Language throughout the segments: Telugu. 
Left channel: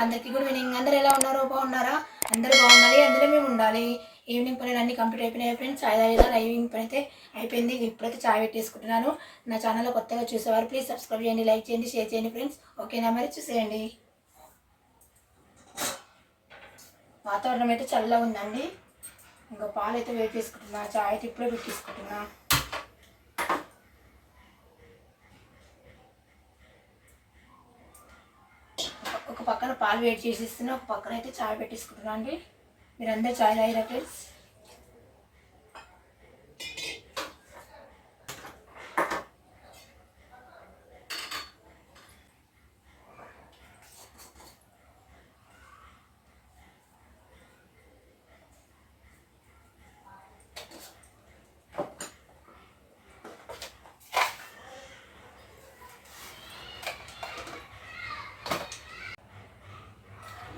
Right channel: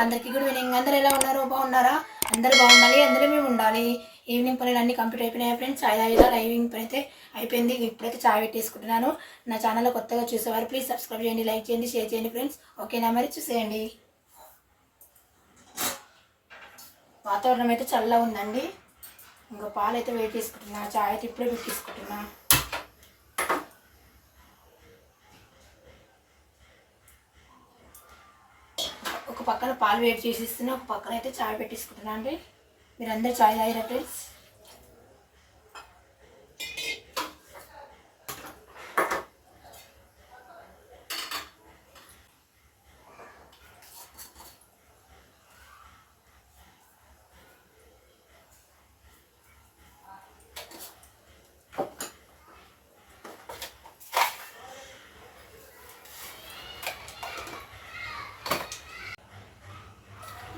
అందరికీ గుడ్ ఈవినింగ్ అందరు ఎలా ఉన్నారో? బాగున్నారా? అందరూ బాగుండాలి. అందరూ మేము ఉండాలి. ఈవినింగ్ పనులు అన్నీ కంప్లీట్ అయిపోయినాయి ఫ్రెండ్స్ ఐదు ఐదు ఈవినింగ్ పని అయితే అయిపోయింది. ఇప్పుడైతే చాయ్ పెట్టేసుకుంటున్నాను. నా ఛానల్లో కొత్తగా చూసేవారు ప్లీజ్ సబ్స్క్రైబ్ చేయండి లైక్ చేయండి షేర్ చేయండి ఫ్రెండ్స్ ఓకేనా మరి చూసేయండి. వాతావరణం అయితే చల్లగా ఉందండి. ఇంకా పాలు అయితే వెయిట్ చేసుకుంటున్నా చాయ్ అయితే ఇప్పుడే పెట్టేసుకుంటున్నా ఒక పక్కన పాలు వేడి చేసి ఇస్తున్నా ఒక పక్కన అయితే చాయ్ పెట్టేసుకుంటున్నాను అండి. మీరు అందరు చాయ్ తాగిరా ఫ్రెండ్స్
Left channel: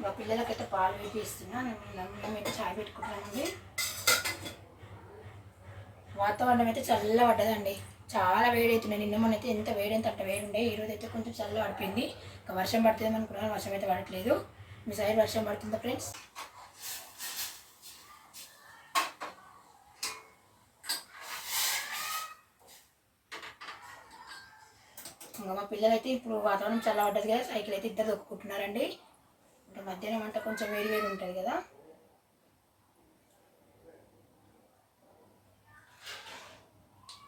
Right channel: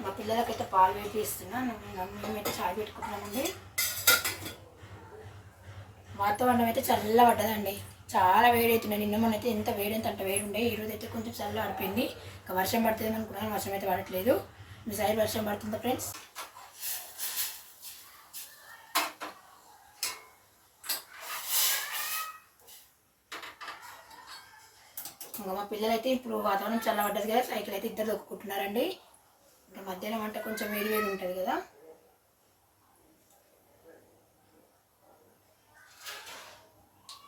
మా పిల్లలకైతే పాలు వేడి మేమైతే చాయ్ పెట్టుకుంటున్నామండి వాతావరణం అయితే చల్ల పడ్డదండి చాలా వేడి అవుతున్నాయి నిన్న మొన్న అయితే ఎంత వేడి ఎంత అంత వేడి ఉండే ఈరోజు అయితే కొంచెం చల్ల పడిపోయింది ఇంకా వర్షం పడుతుంది అనుకున్నాను. వర్షం అయితే పడట్లేదు. మీ సైడ్ వర్షం పడుతుందా ఫ్రెండ్స్? ఇంకా మా పిల్లలైతే ఇప్పుడు వాతావరణం చల్లబడ్డది కదా. సైకిల్ అయితే ఇద్దరు దొక్కుకుంటున్నారండి అంటే మధ్యాహ్నం వంట కొంచెం వేడి వేడి ఉంటుంది కదా.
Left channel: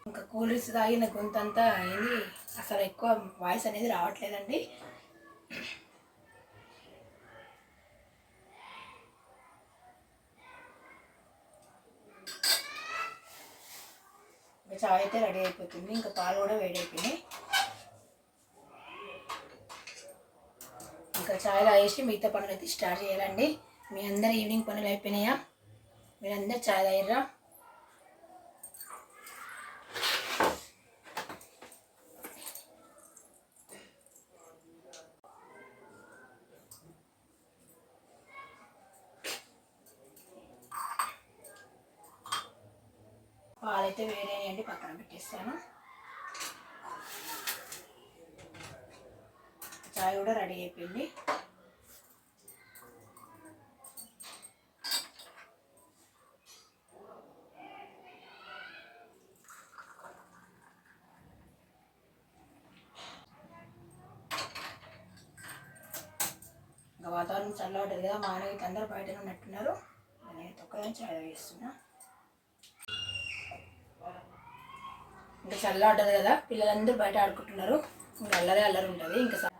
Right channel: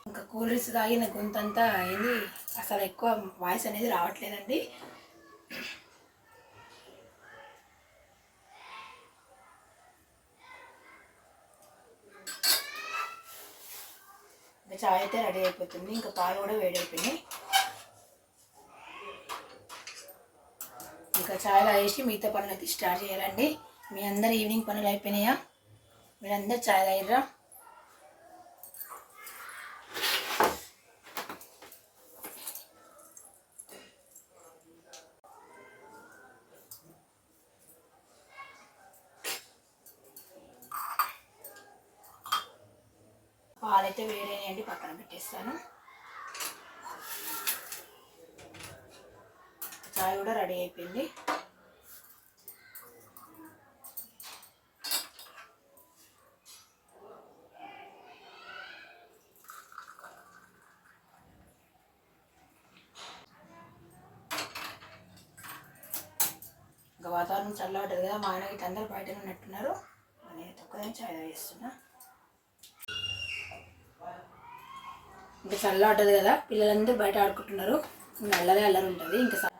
ఇంకా కూల్ డ్రింక్స్ తాగిన గొంతంతా అయింది అసలు ఎక్కువ వాయిస్ అనేది రావట్లేదండి. ఇంకా చాయ్ అయితే రెడీ అయిపోతుంది. ఇంకా పాలు కూడా వేడి ఇంకా చాయ్ తాగేసి మిగతా పనులు అయితే స్టార్ట్ చేయాలండి. మీ అందరు ఈవినింగ్ పనులు అయిపోయినాయా? మీరందరు చాయ్ తాగిర్రా పాలైతే వేడైనాయండి పక్కన పెట్టేస్తాను. చాయ్ కూడా రెడీ అయిపోయింది. ఇంకా వాతావరణం చల్లబడ్డది కదా మా ఆయన అందరూ బయట ఉన్నట్టున్నారు. నేను ఒక్కదాన్ని చాయ్ వేస్తున్నా ఇంకా చల్లబడ్డది కదా పిల్లలందరూ బయట ఆడుకుంటున్నారు. ఇంకా అల్లరే అల్లరి ఉంటుంది. ఇంకా స-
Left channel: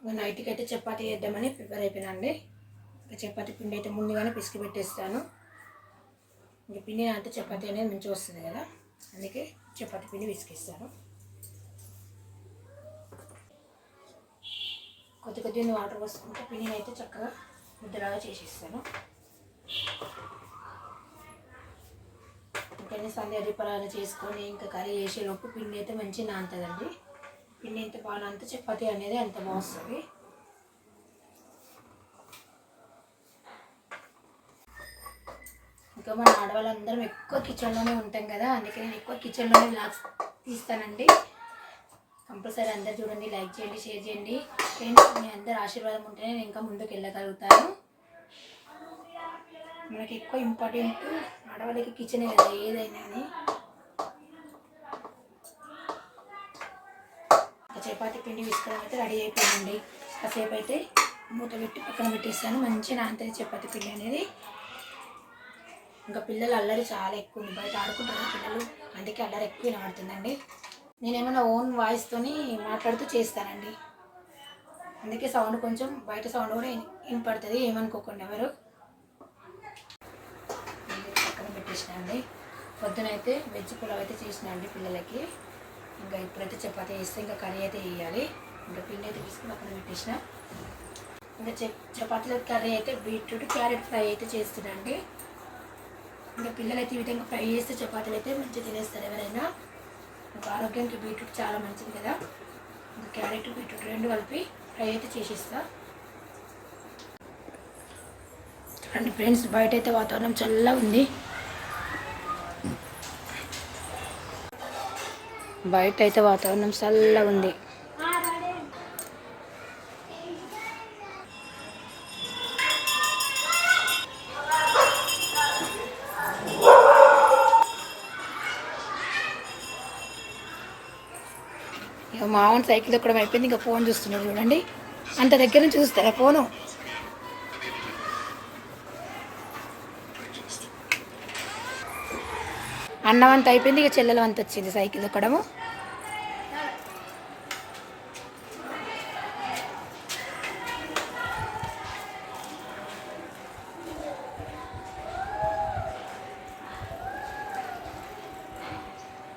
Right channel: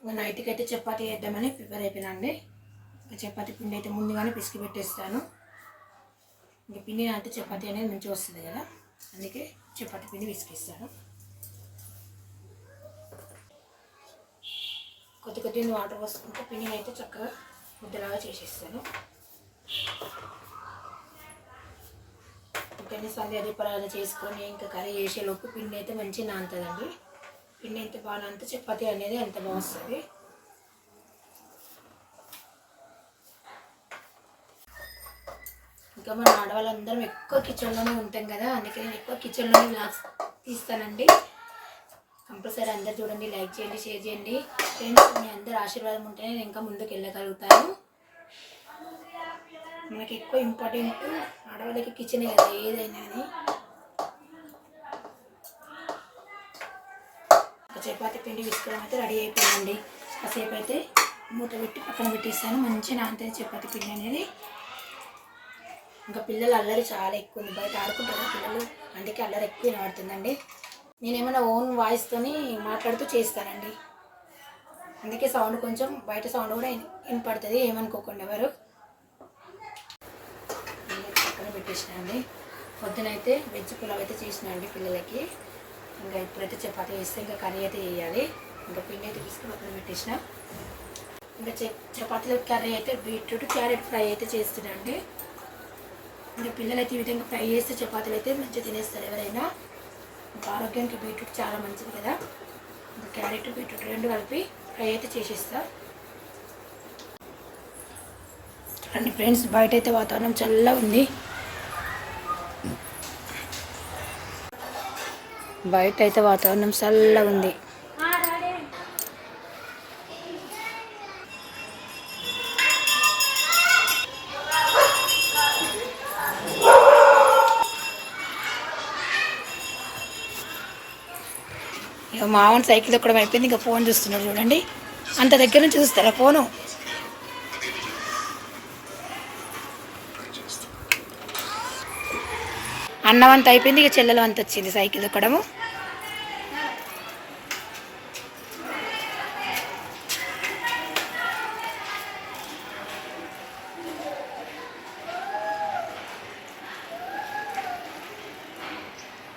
ఇంకా నైట్కి అయితే చపాతి వేద్దామని ప్రిపేర్ అయిపోయినండి ఇంకా చపాతి పిండి అయితే ముందుగానే పిసికి పెట్టేస్తాను. ఇంకా పిండి అంటే చపాతి అనేది మంచిగా వస్తుంది కదా. అందుకే చపాతి పిండి పిసికిస్తాను. కొద్ది కొద్ది వాటర్ పోసుకుంటే పిండిని అయితే చక్కగా ముద్దలాగా చేసేస్తాను. ఇంకా సంధ్య దీపారాధన చేసుకొని ఇంకా కర్రీ చేసేలోపు పిండి అయితే మంచిగా నానుతుందండి. పిండి ఎంత బాగా అంత చపాతి అనేది అంత బాగుంది ఇంకా మన ఆడవాళ్ళందరం ఎక్కువ కిచెన్లోనే ఉంటాం కదా అందుకే నేను ఎక్కువ కిచెన్లోనే బ్లాగ్స్ తీస్తానండి. కంపల్సరీ అందరు చూడండి లైక్ చేయండి షేర్ చేయండి. ఫ్రెండ్స్ మీ అందరు ఆశీర్వాదం ఉంటేనే నేను ఇంకా ముందుకు వెళ్ళగలుగుతాను. మనకి ఎక్కువ ఇంపార్టెంట్ ఆడవాళ్ళకి కిచెనే కదా ఏదైనా అని ఒక చపాతీ పిండి విసుకోవడం అయితే రెడీ అయిపోయిందండి. కాసేపు అయితే మూత పెట్టి పక్కన పెట్టేస్తాను. మంచిగా నానితే చపాతీ పిండి అనేది. ఇంకా పిల్లలు అల్లరి చాలా ఎక్కువ ఉంది. బయట ఆడుకుంటారు పిల్లలు. అందుకే అల్లరి ఎక్కువ వినబడుతుందండి. నేనేమైనా ఓన్ వాయిస్తోని మాట్లాడుతూ చేస్తానండి. అందుకే సౌండ్ కొంచెం బయట సౌండ్ కూడా వినపడుతుంది ఏమనుకోకుండా ఎవరు. పక్కన పెట్టేసినా అండి. పొద్దునైతే వెజ్ పులావ్ అయితే చేసిన అండి పిల్లలకి. ఇంకా ఇప్పుడైతే చపాతీ వేస్తే ఇంకా కర్రీ అయితే వేయాలి ఇంకా పిండి అయితే తీసుకుని పక్కన పెట్టేసిన ఇంకా చపాతీలో కర్రీ అయితే బీట్రూట్ క్యారెట్ ఫ్రై అయితే చేస్తున్నాండి ఇంకా పిల్లలు అయితే ఈ విధంగా ఫ్రై చేస్తే చపాతీలు అయితే మంచిగా తినేస్తారు ఎవరైనా. ఇంకా ఆరోగ్యానికి బీట్రూట్ చాలా మంచిది కదా. ఇంకా క్యారెట్ బీట్రూట్ రెండు కలిపి ఫ్రై అయితే చేసేస్తా. చూడండి ఫ్రెండ్స్ బయట అయితే వాతావరణం చల్లగా ఉంది. బయట అయితే వాతావరణం చల్లగా ఉంది మామూలు సైకిల్ ఎక్కడం అయిపోయింది ఇంకా ఫోన్ చూస్తున్నాడు చూడండి. అంత దగ్గర నుంచి చూస్తారా ఫోను? అన్నం అంత అయిపోయింది ఇక చెల్లెలు అంత వచ్చింది సైకిల్ తొక్కడము.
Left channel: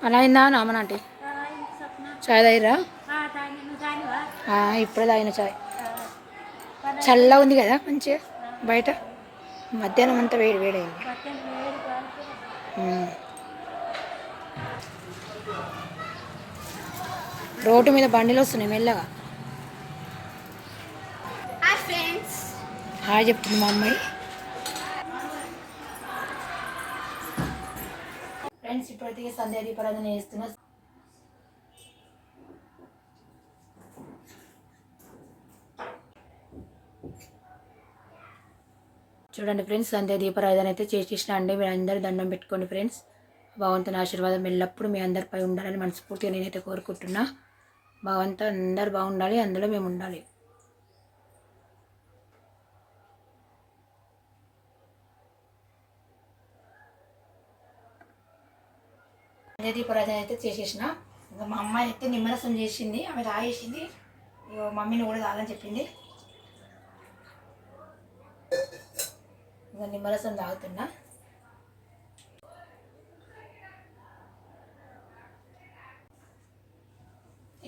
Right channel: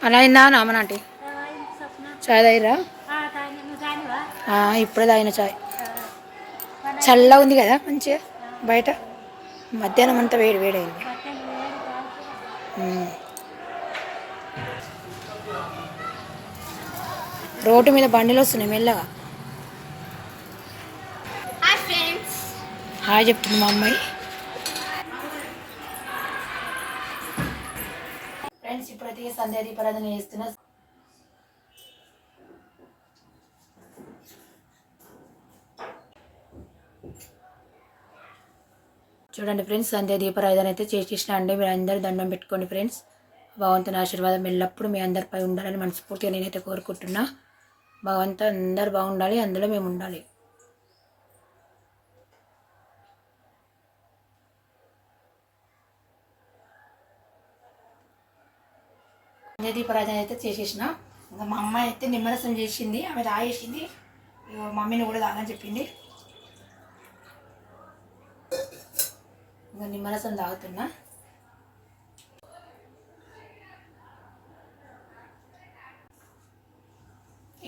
అలా అయిందా నామనాంటి చాయ్ తాగిరా ఇప్పుడే తాగిన చాయ్. చల్లగా ఉంది కదా మంచిగా బయట? మధ్యాహ్నం అంతా వేడి వేడైంది రోడ్డు మీద బండిలు వస్తున్నాయి మెల్లగా. హాయ్ చెప్తుంది మా అమ్మాయి. ఫ్రెండ్స్ ఇప్పుడైతే సంధ్యా దీపారాధన చేస్తున్నా చూడండి ఫ్రెండ్స్ సంధ్యా దీపారాధన అయితే చేసేసిన అండి. మీరు అందరు దండం పెట్టుకోండి ఫ్రెండ్స్ భగవంతుని ఆశీర్వాదం ఎల్లప్పుడూ మీ అందరిపై ఉండాలని మనస్ఫూర్తిగా నేనైతే కోరుకుంటున్నా. భగవంతు అందరు బాగుండాలి అందులో మేము ఉండాలి. సంధ్యా దీపారాధన అయితే చేసేసిన. ఇంకా మా అమ్మాయి అయితే నిమ్మరసం చేసింది ఆమె తాగేసింది. మమ్మీని కూడా తాగని చెప్పింది. ఇంకా నిమ్మరసం తాగుతున్నా.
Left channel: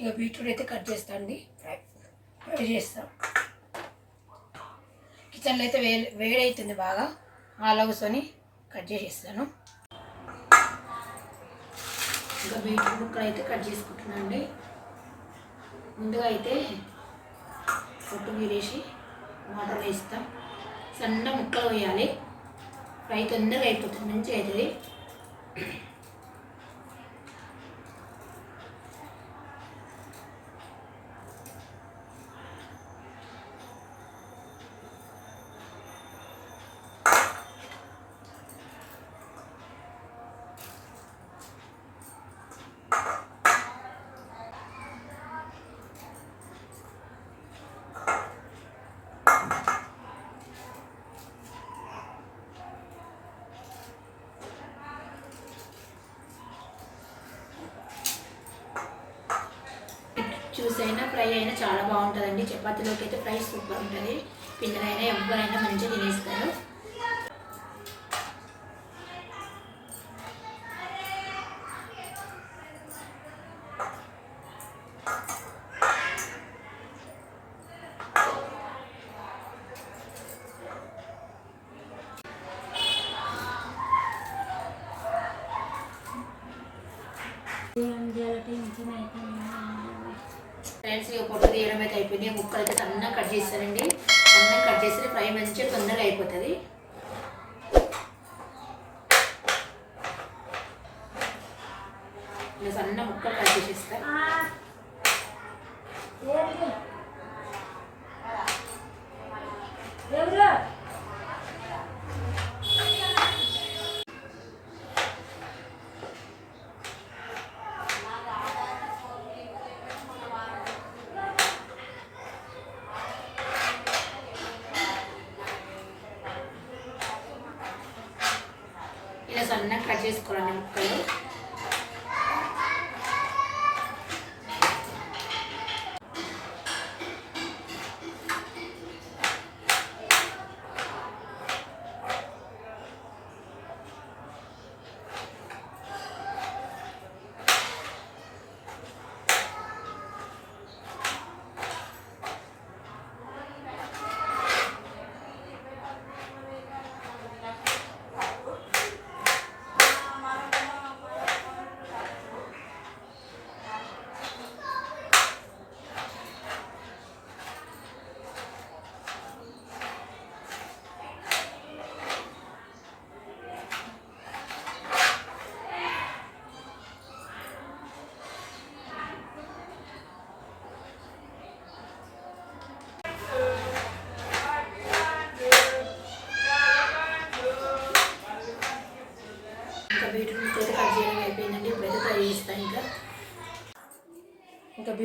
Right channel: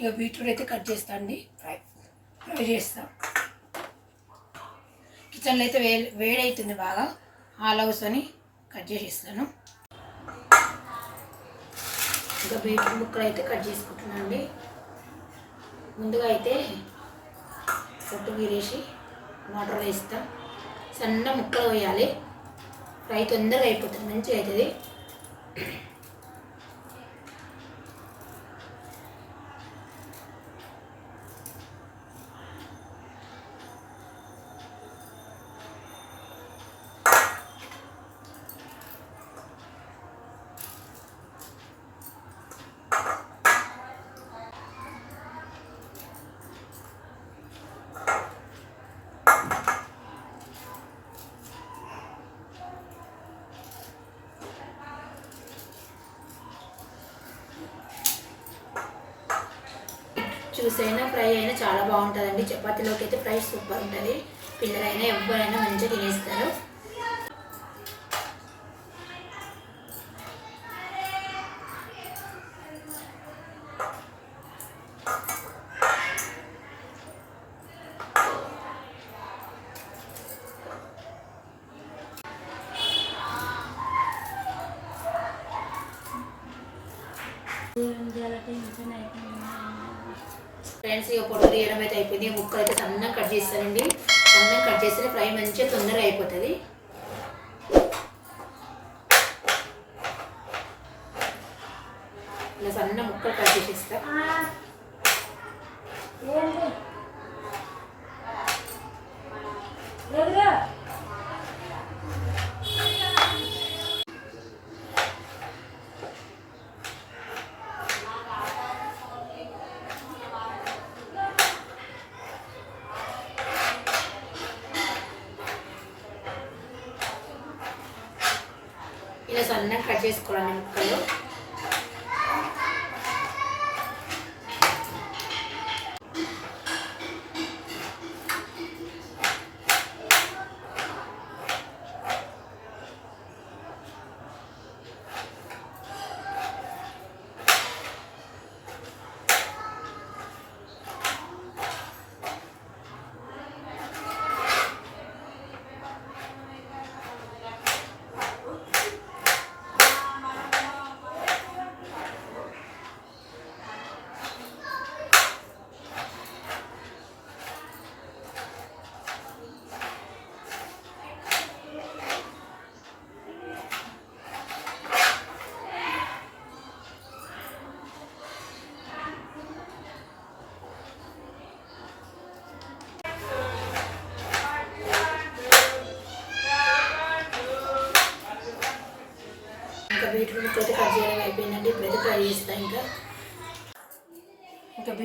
ఇక బీట్రూట్ అయితే కట్ చేస్తా అండి. ఫ్రై ఫ్రై చేస్తాం. కిచెన్లో అయితే వే వేడి అవుతుంది బాగా. అలా కూర్చొని కట్ చేసేస్తాను. ఇంకా బీట్రూట్ ముక్కలు అయితే కట్ చేసుకుంటున్నాను అండి. ముందుగా అయితే పొట్టు మీరేసి వాటర్లో వేస్తాం. సన్న ముక్కలు వేయాలి. ఫ్రై తొందరగా అయిపోతుంది మంచిగా అవుతుంది. జ్యూస్ అయినా ఫ్రై అయినా చాలా బాగుంటుందండి. చపాతీలోకి అయితే ఫ్రై సూపర్ ఉంటుంది. పిల్లలైనా ఎవరైనా మంచిగా తినేస్తారు. ఫ్రెండ్స్ ఇక పొట్టు తీయడం అయితే అయిపోయింది. ముక్కలు అయితే సన్నగా కట్ చేస్తానండి. సన్నగా కట్ చేస్తే ఫ్రై మంచిగా తొందరగా అయిపోతుంది ఇలా సన్న ముక్కలు కట్ చేసేస్తా ఇలా సన్నగా కట్ చేసుకోవాలండి ముక్కలు.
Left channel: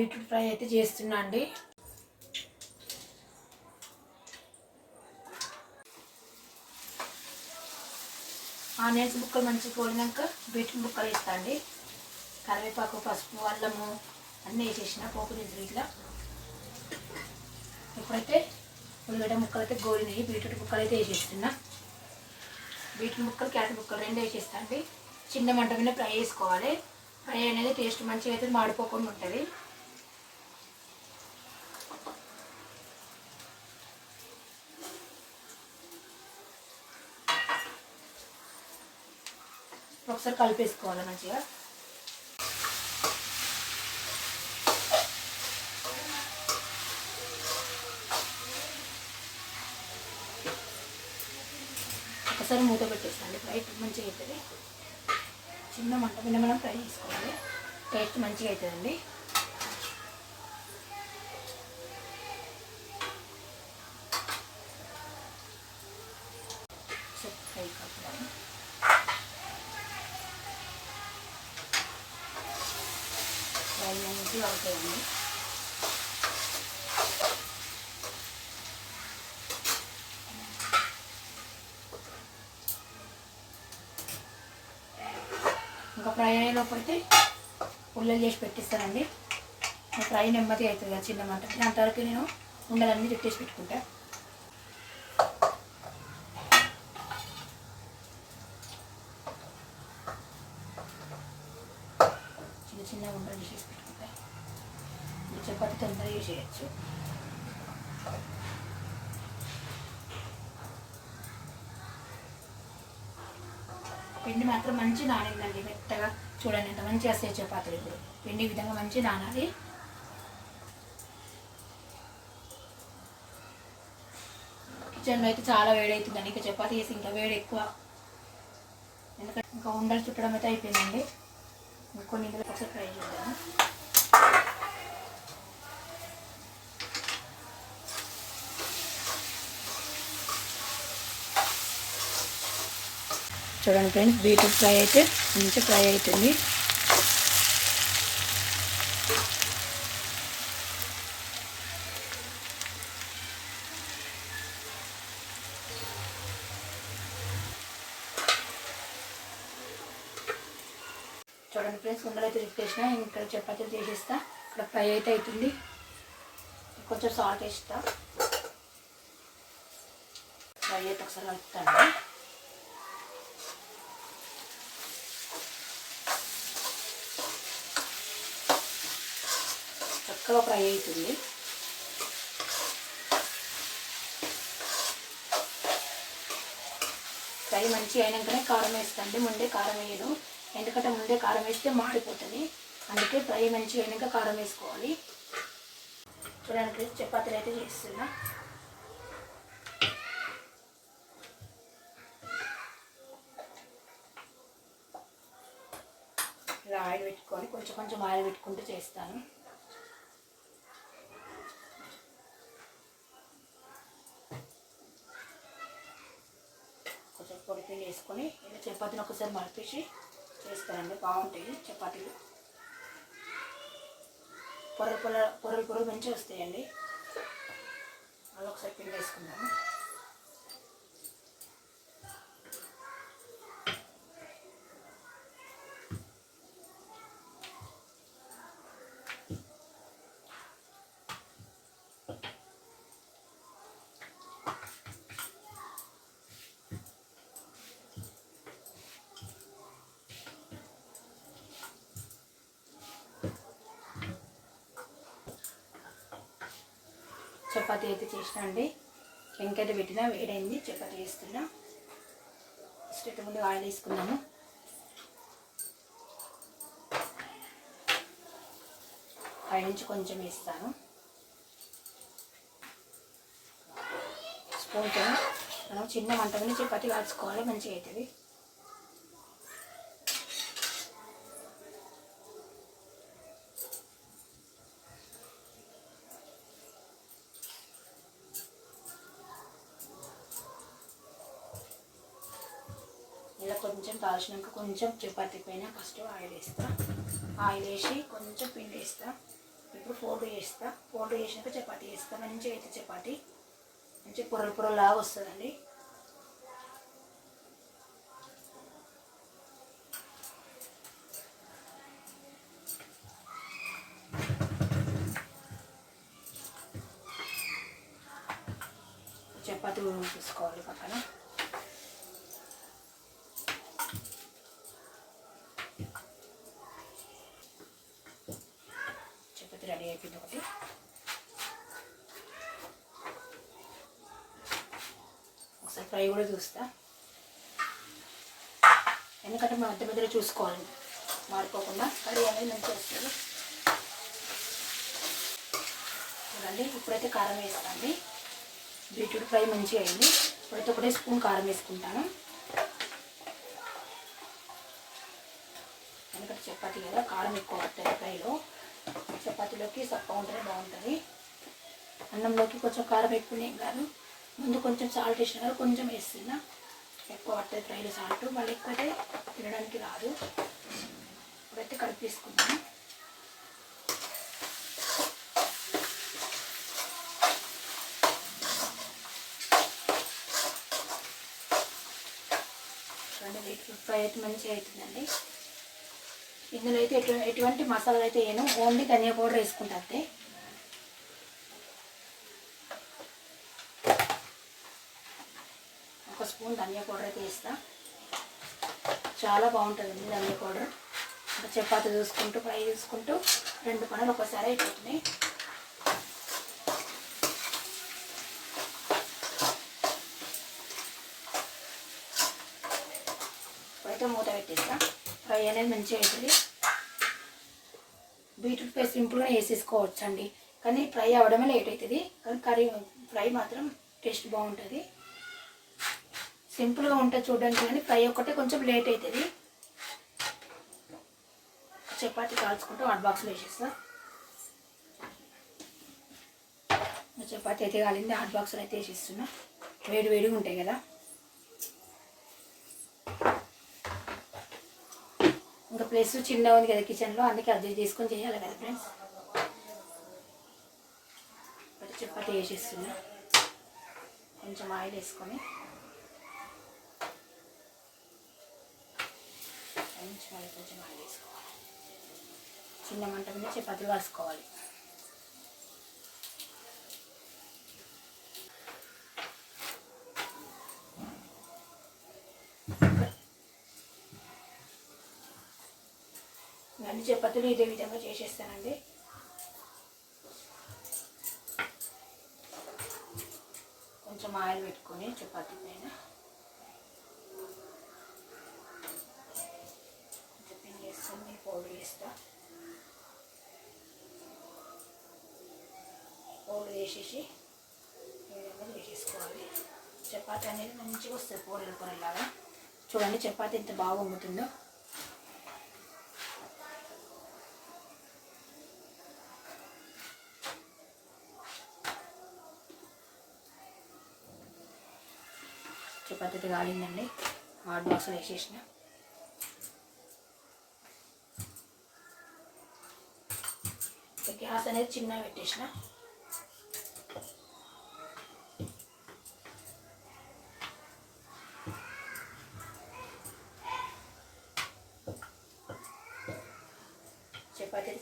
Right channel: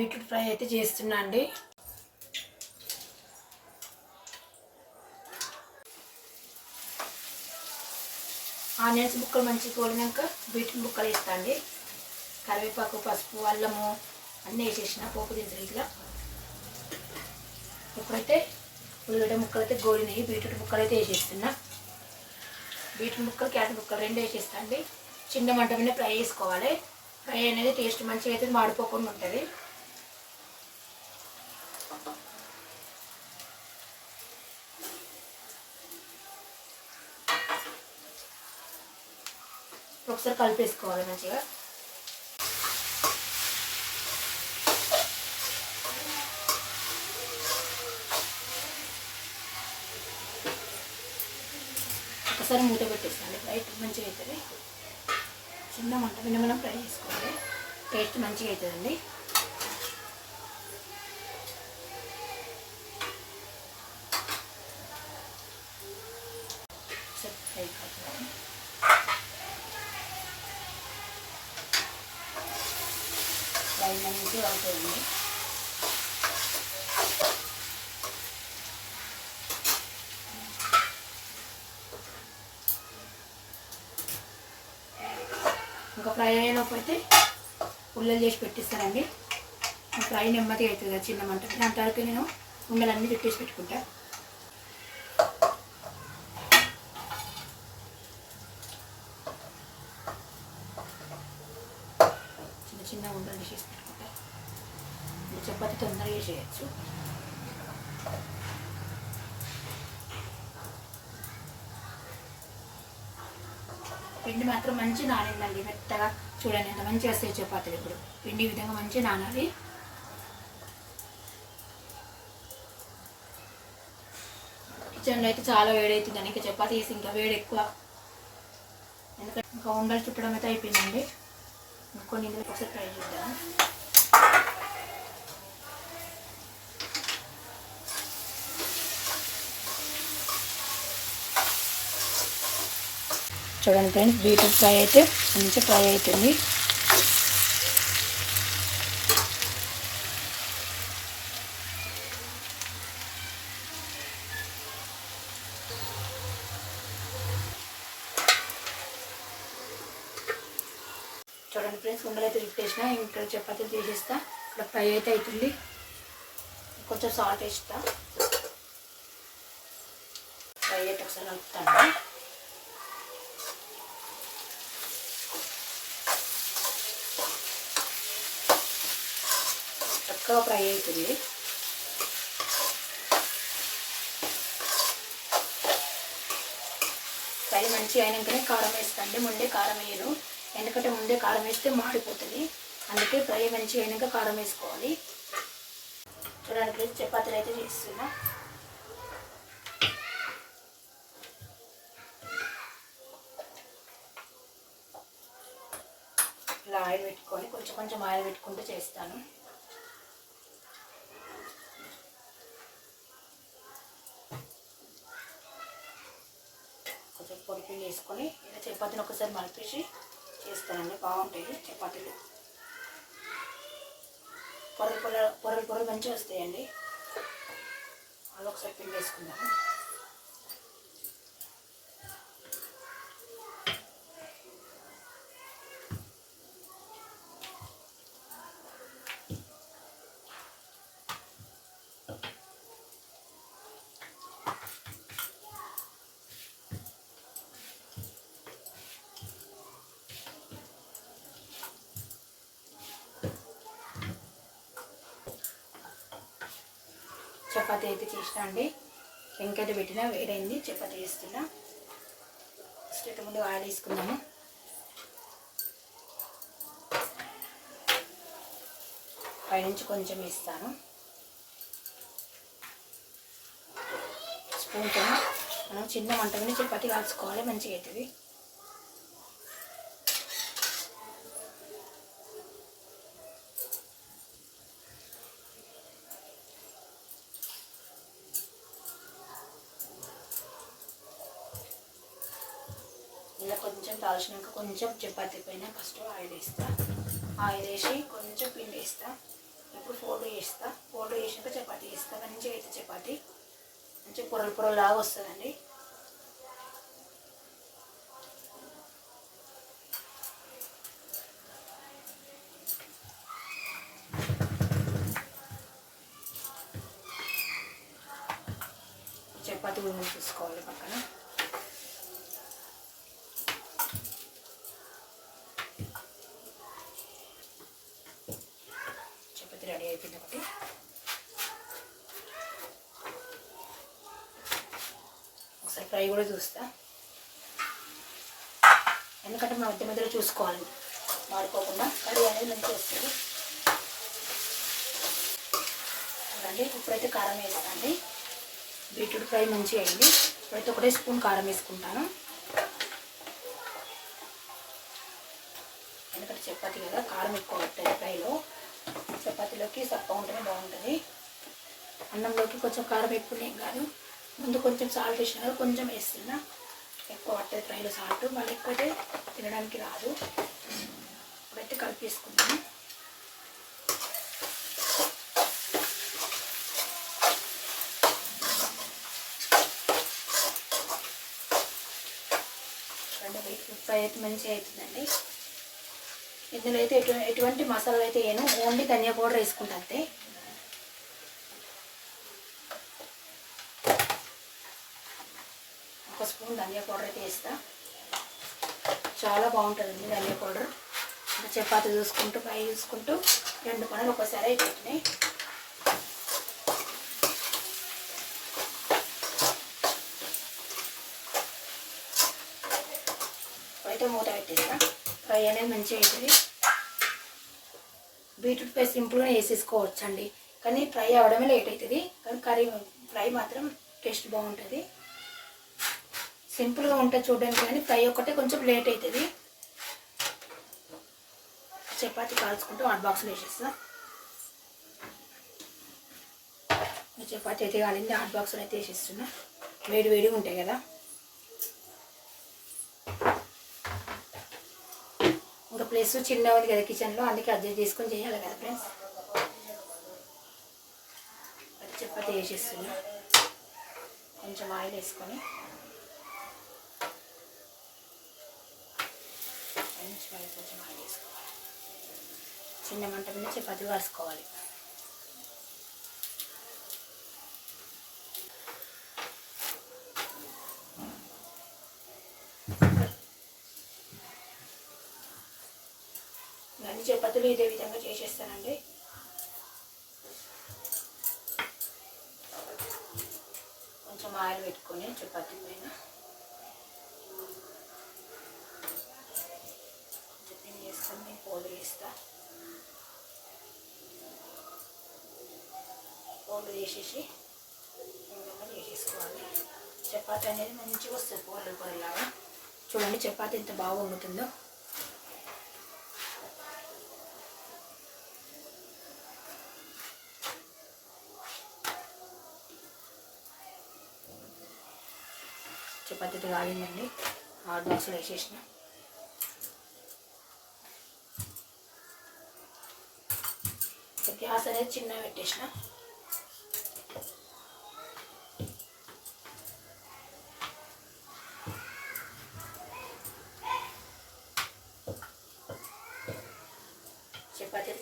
బీట్రూట్ ఫ్రై అయితే చేస్తున్నా అండి. ఆనియన్స్ ముక్కలు మంచిగా కోడినాక బీట్రూట్ ముక్కలు వేస్తా అండి. కరివేపాకు పసుపు అల్లము అన్నీ వేసేసిన పోపు దించులు ఇట్లా ఇప్పుడైతే ఉల్లిగడ్డ ముక్కలు అయితే గోడినాయి బీట్రూట్ ముక్కలు అయితే వేసేస్తున్నా. బీట్రూట్ ముక్కలు క్యారెట్ ముక్కలు రెండు వేసేస్తా అండి. చిన్న మంట మీద ఫ్రై చేసుకోవాలి ఫ్రై అనేది టేస్ట్ మంచిగా అయితే మాడిపోకుండా ఉంటుంది. ఒకసారి కలిపేసుకోవాలి మంచిగా. ఒకసారి మూత పెట్టేసుకోండి ఫ్రై మంచిగా అవుతుంది చిన్న మంట మీద మనం ఫ్రై చేసుకోవాలి. టేస్ట్ మంచిగా అవుతుందండి ఒకసారి ఫ్రై కలుపుదాము ఐదు అనేది అవుతుంది ఇంకా ఫ్రై అయ్యేలోపు అయితే చేసి పెట్టిస్తానండి. ఫ్రై నెమ్మదిగా అవుతుంది చిన్న మంట. దాని తర్వాత నేను ఉండలన్నీ తిట్టేసి పెట్టుకుంటాను చిన్న చిన్న ఉండలు చేసి పెట్టుకుంటా ఈ చేయొచ్చు పిండి మాత్రం మంచి నానిందండి మెత్తగా చూడండి ఎంత మంచిగా వస్తాయి చపాతీలు ఇప్పుడు. పిండి ఈ విధంగా మంచి నానాలి. కిచెన్లో అయితే చాలా వేడి అవుతుందండి ఇంకా చపాతీ వేసి ఇంకా వేడి ఎక్కువ. ఎందుకంటే ఇంకా ఉండలు చుట్టడం అయితే అయిపోయిందండి. ఇంకొన్ని ఇందులో ఒకసారి ట్రై చేద్దాము. చూడండి ఫ్రెండ్స్ బీట్రూట్ ఫ్రై అయితే మంచిగా ఫ్రై అవుతుంది చూడండి ఫ్రెండ్స్ ఉండలు అయితే రిప్పేసిన ఇక్కడ చపాతీలు తీసేస్తా ఇక్కడ ఫ్రై అయితే అవుతుంది కొంచెం సాల్ట్ వేస్తా. ఫ్రై అయితే ఒకసారి కలుపుతాను. చక్కగా ఫ్రై అవుతుంది. ఫ్రై మంచిగా అయినాకనే కారం వేస్తాండి ముందే కారం వేయను. ఎందుకంటే ముందే కారం వేస్తే మాడిపోతుంది. అందుకే ఫ్రై మంచిగా అయినాక కారం వేసుకోవాలి. చూడండి చపాతీలు అయితే చేస్తున్నా. ఇలా ఆయిల్ పెట్టుకొని కొంచెం కొంచెం ఆయిల్ పెట్టుకుంటూ చేస్తాను కొంచెం పొడి పిండి వేసుకొని ఇలా చపాతీని ఒకసారి మలిపేసి చేస్తానండి. బాగుంటాయి చపాతీలు. పొరలు పొర పొరలు పొరలు మంచిగా వస్తాయండి. అలా ఒకసారి పిండి వేసుకుందాము చపాతీ అయితే చేసిన అండి. వెంకైతే పెట్టినా వేడైంది చపాతీ చేస్తున్నా. ఫస్ట్ ముందు ఆయిల్ వేసుకుందాము. పైనుంచి కొంచెం వేస్తాను. స్పూన్తో మనం చిన్న మంట మీద చపాతీ కాల్చుకోవాలి మంచిగా అవుతుంది ఇలా కొంచెం కాల్చినాక కొంచెం చపాతీ పైన ఫస్ట్ ఆయిల్ వేస్తా. ఆయిల్ వేసి కొంచెం పిండి వేస్తా. చేస్తా. పౌడర్ చేసినాక చపాతీ వేస్తా మంచిగా అయితే చపాతీ. మంచిగా పొరలు పొరలాగా వస్తుందండి. చపాతీ తీసుకోవాలి పక్కన చపాతీ రెడీ అయిపోయింది ఒకటి ఒకసారి ఫ్రై కూడా చూస్తా. ఎందుకంటే మనం మధ్య మధ్యలో చూసుకోవాలి. మారిపోకుండా కడిగి అనేది మంచిగా వస్తుంది. చూడండి ఇప్పుడైతే కారం వేస్తాండి బీట్రూట్ ఫ్రై మంచిగా అయింది. ఇప్పుడైతే ఒకటే స్పూన్ కారం వేసుకుంటాను. ఎందుకంటే చపాతీ కదా కారం ఎక్కువ పడుతుంది ఫ్రైలో. చపాతీలోకి సప్ప ఉంటేనే బాగుంటుంది. అన్నంలోకి కొంచెం కారం ఎక్కువ ఏం కాదు. ముందు కొంచెం సాల్ట్ వేసిన కొంచెం వేస్తున్నా. ఎక్కువ పడుతుంది ఫ్రైలో సాల్ట్ మళ్ళీ ఎక్కువైతే తినడానికి రాదు. ఇప్పుడైతే కలిపేసుకుందాము. ఫ్రై అయితే మంచిగా అవుతుందండి ఇందులో అయితే ఎటు ఎటువంటి మసాలా అయితే వేయను. ఓన్లీ ధనియా పౌడర్ వేసుకుంటా ఒక స్పూన్ ధనియా పౌడర్ అయితే వేస్తా. చాలా బాగుంటుందండి ధనియా పౌడర్. ఇంకా చపాతి చూసుకుంటూ ఫ్రై చూసుకుంటూ రెండు పనులు ఒకసారి అయిపోతున్నాయి ఇప్పుడైతే మూత పెట్టేస్తా. ఫ్రై అనేది మంచిగా అవుతుంది బీట్రూట్ ఫ్రై సింపుల్గా వేసేసుకోవచ్చు అండి కానీ ఫ్రై అవ్వడమే లేట్ అవుతుంది. కానీ కర్రీ ఫ్రై మాత్రం టేస్ట్ బాగుంటుంది. సింపుల్గా ఉంటుంది చూడడానికి కానీ ఫ్రై ఒక్కటే కొంచెం లేట్ అవుతుంది చపాతి కాల్చుకుంటూ హాట్ బాక్స్లో వేసేస్తా. చపాతి అయితే కాలింది హాట్ బాక్స్లో అయితే వేసేస్తున్నా. వేడి వేడిగా ఉంటాయి కదా. ఇంకా ప్లేస్ చిన్న ఉంది కదా కిచెన్లో అందుకే అడ్జస్ట్ తీసుకొని చేయాలి కదా ఫ్రెండ్స్. చపాతి వేసేస్తున్నా. కొంచెం ఆయిల్ వేసుకొని. పచ్చిమిరపకాయలు కొంచెం ఆయిల్ వేసుకోవాలి చిన్న మంట మీద చపాతీలు కాసుకోవాలి అన్ని చపాతీలు ఇదే విధంగా చేసేస్తానండి. కొంచెం ఆయిల్ పెట్టుకొని చపాతీ పైన కొంచెం పిండి వేసుకొని పోలు వేస్తా చేసేసి ఈ విధంగా చేసేసుకోవాలి. చపాతీ అనేది మంచిగా వస్తుంది పోలు పొరలాగా చూడండి చపాతీ ఎంత బాగా వండుతుందో. చపాతీ కాలిందండి. హాట్ బాక్స్లో వేసేసిన. గ్యాస్ అనేది చిన్నగా పెట్టేసిన.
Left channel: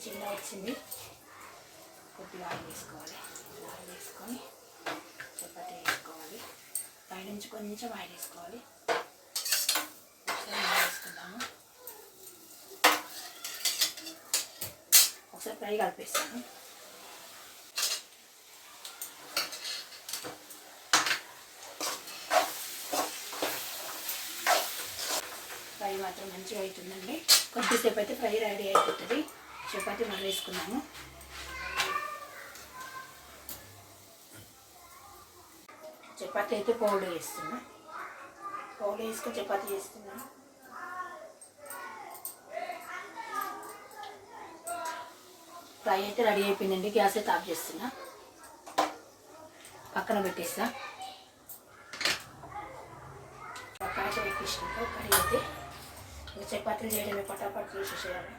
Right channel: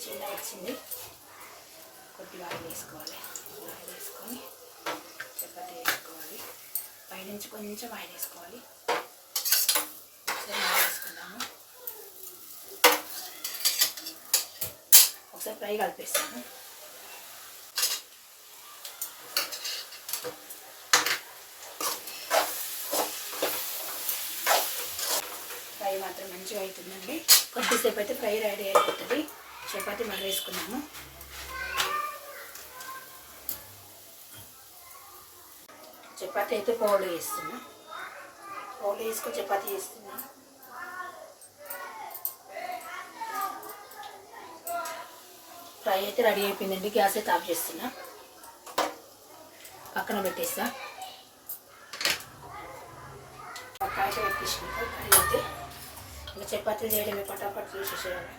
చిన్న వచ్చింది. కొద్దిగా ఆయిల్ వేసుకోవాలి. ఆయిల్ వేసుకొని చపాతీ వేసుకోవాలి. పైనుంచి కొంచెం ఆయిల్ వేసుకోవాలి. ఒకసారి వేసుకుందాము. ఒకసారి ఫ్రై కలిపేస్తాను ఫ్రై మాత్రం మంచిగా అవుతుందండి. కొద్దిసేపు అయితే ఫ్రై రెడీ అయిపోతుంది. చపాతీ మళ్ళీ వేసుకున్నాము. చపాతీ అయితే పౌడర్ వేస్తున్నా. పౌడర్ వేసుకొని చపాతీ చేస్తున్నా. ఫ్రై అయితే రెడీ అయిపోయిందండి. గ్యాస్ అయితే ఆఫ్ చేస్తున్నా. పక్కన పెట్టేస్తా. పక్కన అయితే పెట్టేసుకుంటా ఫ్రై అయితే ఇంకా చపాతీలు చేయడమే పటాపట్లు చేసేసేయాలి.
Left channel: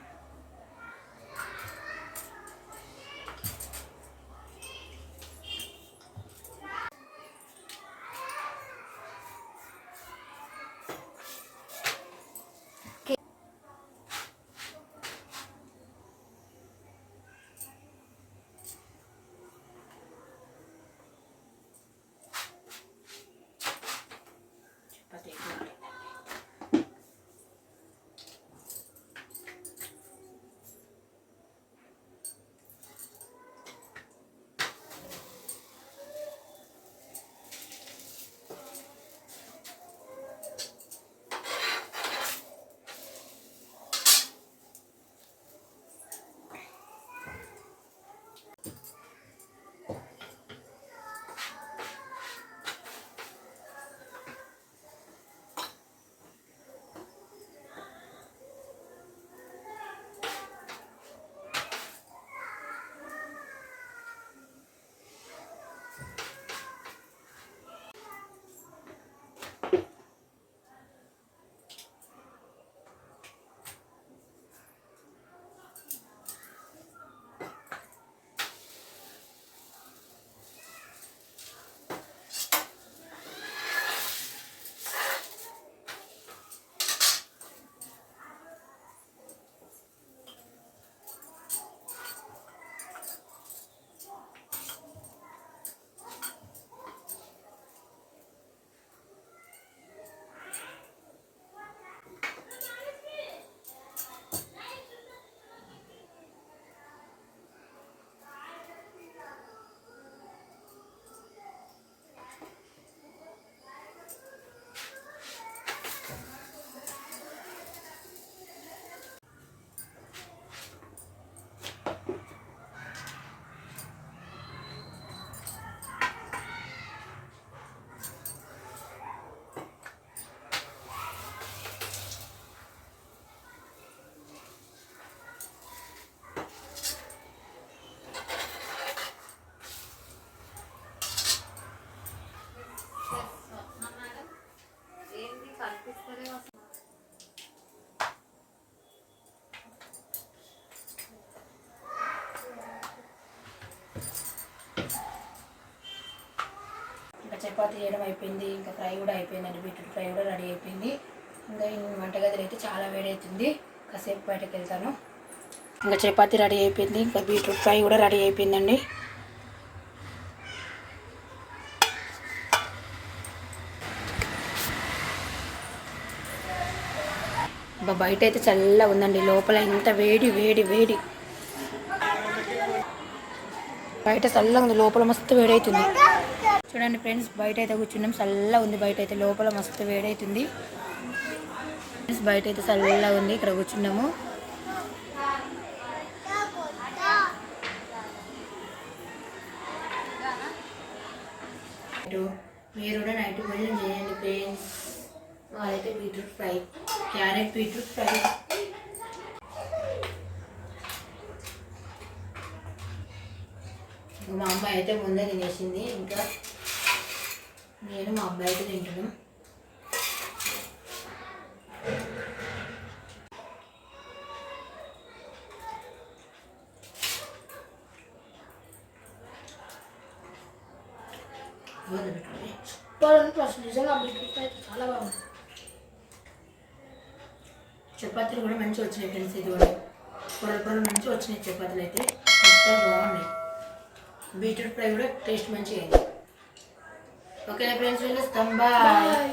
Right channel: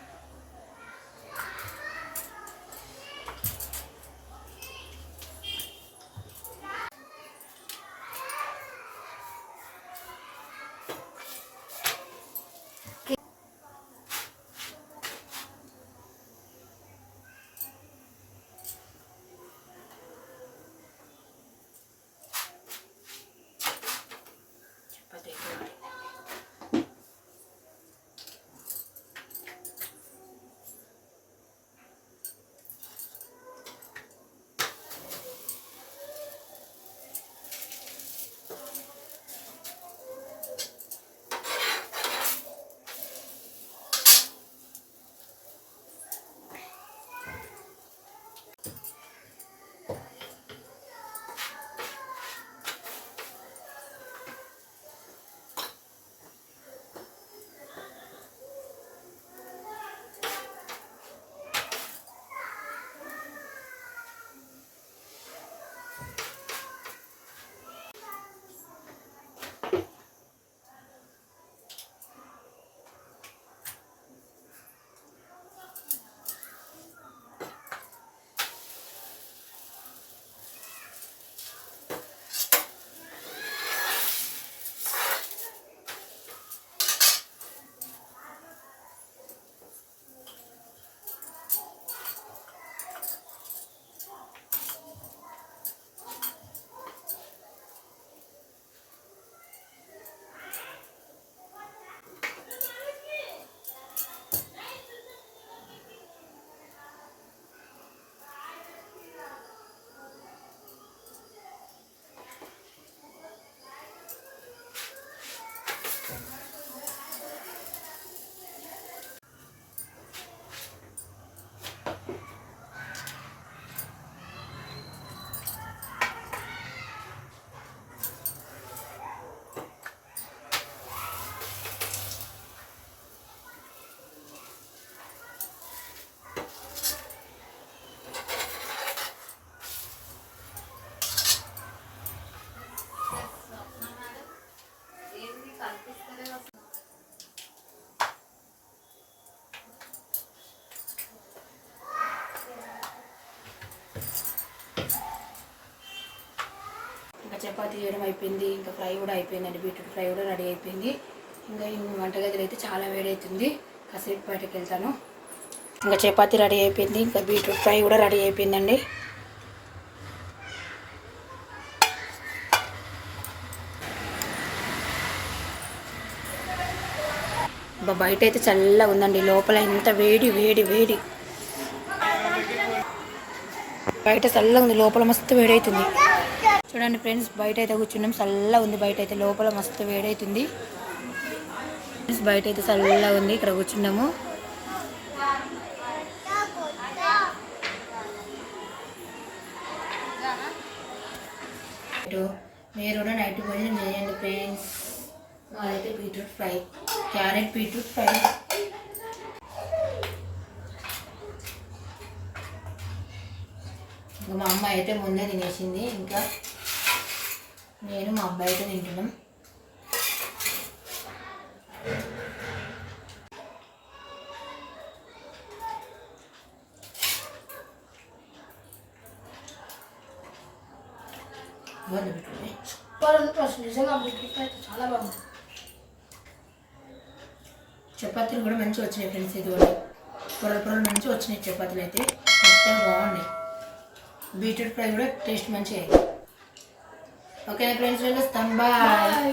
చపాతీ చేయడం అయిపోయింది ఇంకా ఫ్రై కూడా అయిపోయిందండి బీట్రూట్ ఫ్రై కూడా రెడీ అయిపోయింది. ఇంకా వంటగదిలో అయితే చాలా వేడవుతుంది కాసేపు బయటకు వెళ్తాను. ఇంకా చపాతీ రెడీ అయిపోయింది ఇంకా బీట్రూట్ ఫ్రై కూడా రెడీ అయిపోయిందండి. అబ్బా, బయట అయితే చల్లగా ఉందండి లోపల ఇంత వేడి వేడి వేడి. బయట చల్లగా ఉంది లోపల మస్తు వేడవుతుంది చూడండి ఫ్రెండ్స్ బయట అయితే కూర్చున్నాం. చల్లగా ఉంది బయట అయితే లోపల మస్తు వేడైతుంది. ఫ్రెండ్స్ బయట అయితే చల్లగా ఉంది. ఇక్కడ కూర్చున్నాము. మీరు కూడా నైట్ భోజనం చేయండి ఫ్రెండ్స్. అయితే beetroot fry. Carrot beetroot fry. ఇంకా మా అమ్మ అయితే ముందే తినేసింది. ఇంకా నేను మా అబ్బాయి అయితే తింటున్నాం. చపాతీలు కూడా మంచిగా వచ్చినాయి ఫ్రెండ్స్ ఇది కూడా పొరలు పొరలు మంచిగా వచ్చినాయి చపాతీలు అయితే. మొత్తం బాగున్నాయి. బీట్రూట్ ఫ్రై కూడా టేస్ట్ మంచిగా అయింది. ఓకే ఫ్రెండ్స్ వెళ్ళొస్తాం బాయ్ బాయ్